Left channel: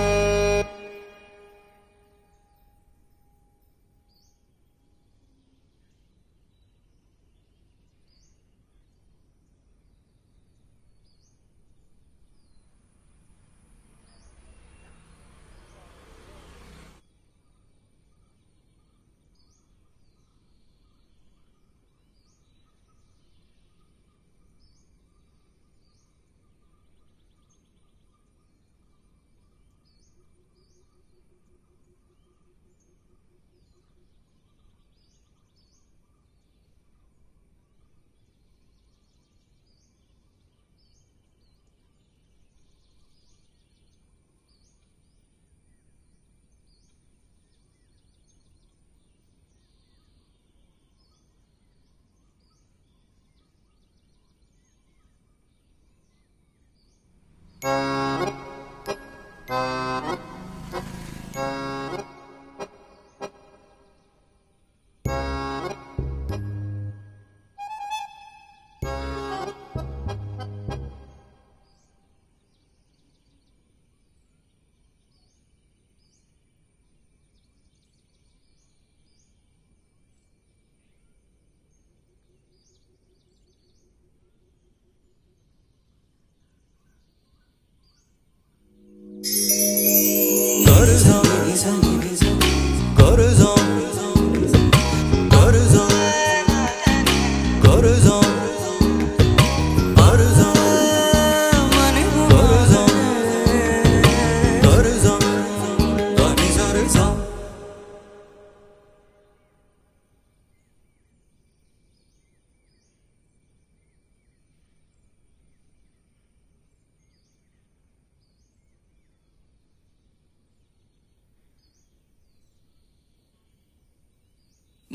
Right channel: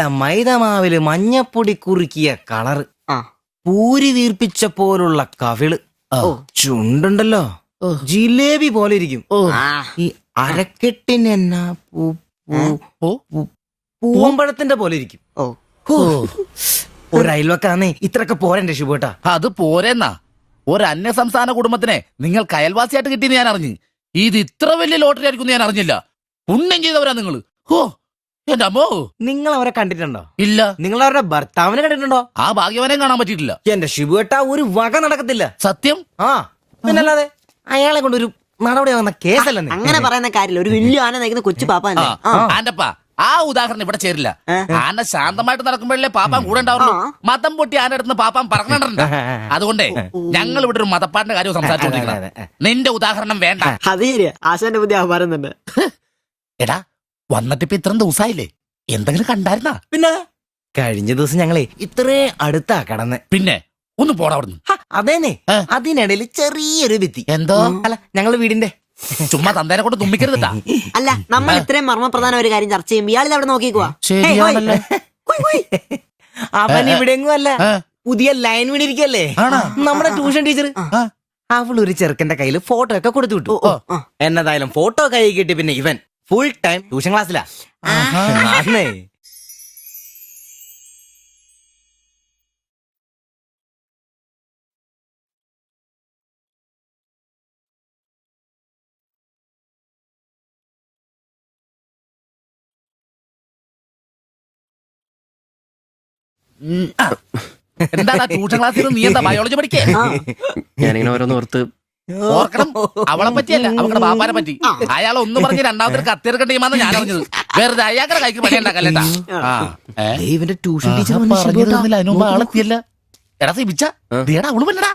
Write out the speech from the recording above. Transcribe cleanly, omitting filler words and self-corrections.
നല്ല മൈദമാവില് മഞ്ഞപ്പൊടി കുറുക്കിയ കളറ്, പൂരി വീർപ്പിച്ച പോലുള്ള കവിള്, ചുണ്ടുണ്ടല്ലോ ജിലേബി പോലെ ഇരിക്കും. ഈ അരക്കെട്ടിനെന്നാ പൂവമ്പഴത്തിന്റെ പോലെ ഇരിക്കും. ഒരു അയൽവക്കാന്നേ ഇത്രയൊക്കെ പോരണ്ടേ ശുഭേട്ടാ? അത് പോരെന്നാ. ഒരു അന്യ സംസ്ഥാന കുടുംബത്തിനെ നിങ്ങൾക്ക് അയൽവാസിയായിട്ട് കിട്ടിയെന്ന് ഞാൻ അറിഞ്ഞു. ഇത് ഇത്ര വലിയ ലോട്ടറി ആയിരിക്കും ഞാൻ അറിഞ്ഞില്ല. പുണ്യം ചെയ്തവരാ നിങ്ങള്. ഓ എന്റെ അമ്മോ. നിങ്ങൾ അവരെ കണ്ടിട്ടുണ്ടോ? ഇല്ല. നിങ്ങൾ അവരുടെ ഭർത്താവിനെ കണ്ടിട്ടുണ്ടോ? ആ ഭാഗ്യവനെ കാണാൻ പറ്റിയിട്ടില്ല. എന്റെ ശിവുവേട്ട ഒരു വക നടക്കത്തില്ല. സത്യം. ആ പിന്നല്ലാതെ അയാളെ കൊണ്ടൊരു നടപടി ആവുന്ന കേസല്ലെന്ന്. അങ്ങനെ പറയുന്ന കാര്യമില്ല. ഒരു വലിയ ആന നയിക്കുന്ന കൊച്ചു പാപ്പ. ആന്റപ്പാ ആ ഉദാഹരണം ഇവിടെ ചേരില്ല. ആന ശാന്തമായിട്ട് നടക്കുമ്പോഴല്ലേ പാപ്പാൻ കൂടെ ഉണ്ടാവുള്ളൂ. മതം പൊട്ടി ആന അടുത്ത് പാപ്പാൻ പറഞ്ഞിട്ടുണ്ട്. അതുകൊണ്ടേ ഞങ്ങൾ ഇവിടെ ഒരു മതപ്പാടിന്റെ കാര്യം സംസാരിച്ചോണ്ടിരിക്കണം. നിന്റെ ഉദാഹരണം വേണ്ട. അത് ശരിയാ. ആശാന്റെ പുതിയ ആഹാരം തന്നെ. എടാ വന്നിട്ടിപ്പോ ഇത്രയും ദിവസമായില്ലേ, എന്തെങ്കിലും കണ്ടായിരുന്നാ? പിന്നെ കഴിഞ്ഞ ദിവസം ഞങ്ങളെ ഇത്രേ അടുത്താ കടന്ന്. പിന്നെ ഒന്ന് പോടാ അവിടുന്ന്. അതേനെ, അതിനിടയിൽ ചെറിയൊരു ഭിത്തി. എന്തോ അല്ല ഞങ്ങള് വീടിന്റെ ചുമ്മാ തന്തേനെ കൊണ്ട് തുമ്മിക്കരുതാ. അല്ല, നമ്മൾ ഇത്രയും മർമ്മപ്രധാന ഒരു കാര്യം ചർച്ച ചെയ്യുമ്പോൾ ഇയാളിൽ അവിടെ നോക്കിക്കുവാ. ശരിയാണല്ലോ. അവൻ ഇവിടെ എങ്ങും അല്ല, പുതിയ ലൈൻ വീണിരിക്കല്ലേ നമ്മുടെ ട്യൂഷൻ ടീച്ചർ. അവൾ ഒരു ചെറുക്കന്റെ കയ്യിൽ ഫോട്ടോ ഒക്കെ കൊടുത്തു വിട്ടു. എന്നതായാലും ഫോട്ടോ കൈ കിട്ടി. പിന്നെ ഇവൻ ഫുൾ ടൈം ട്യൂഷൻ ക്ലാസ്സിലാ. എന്താ ട്യൂഷൻ ക്ലാസ്സിൽ നീ എന്താ ബയോളജി പഠിക്കേ? ഞാനിങ്ങനെ ഓരോന്ന് ഓർത്ത് ഓർക്കണം. അവളെ പറ്റിയല്ല, അവളുടെ ബാപ്പാനെ പറ്റി. അയാൾ ഒന്ന് പറഞ്ഞ് രണ്ടാമത്തെ കത്തിയെടുക്കേണ്ട ടീമാന്ന് ഞാൻ അറിഞ്ഞത്. വെറുതെ അയാളുടെ കൈക്ക് പണി ഉണ്ടാക്കല്ലേട്ടാ. ഇവന്റെ ട്യൂഷൻ ടീച്ചർ അതിനുമ്പ് ആളെത്തിയല്ല. എടാ സിബിച്ച അവള് പറ്റടാ.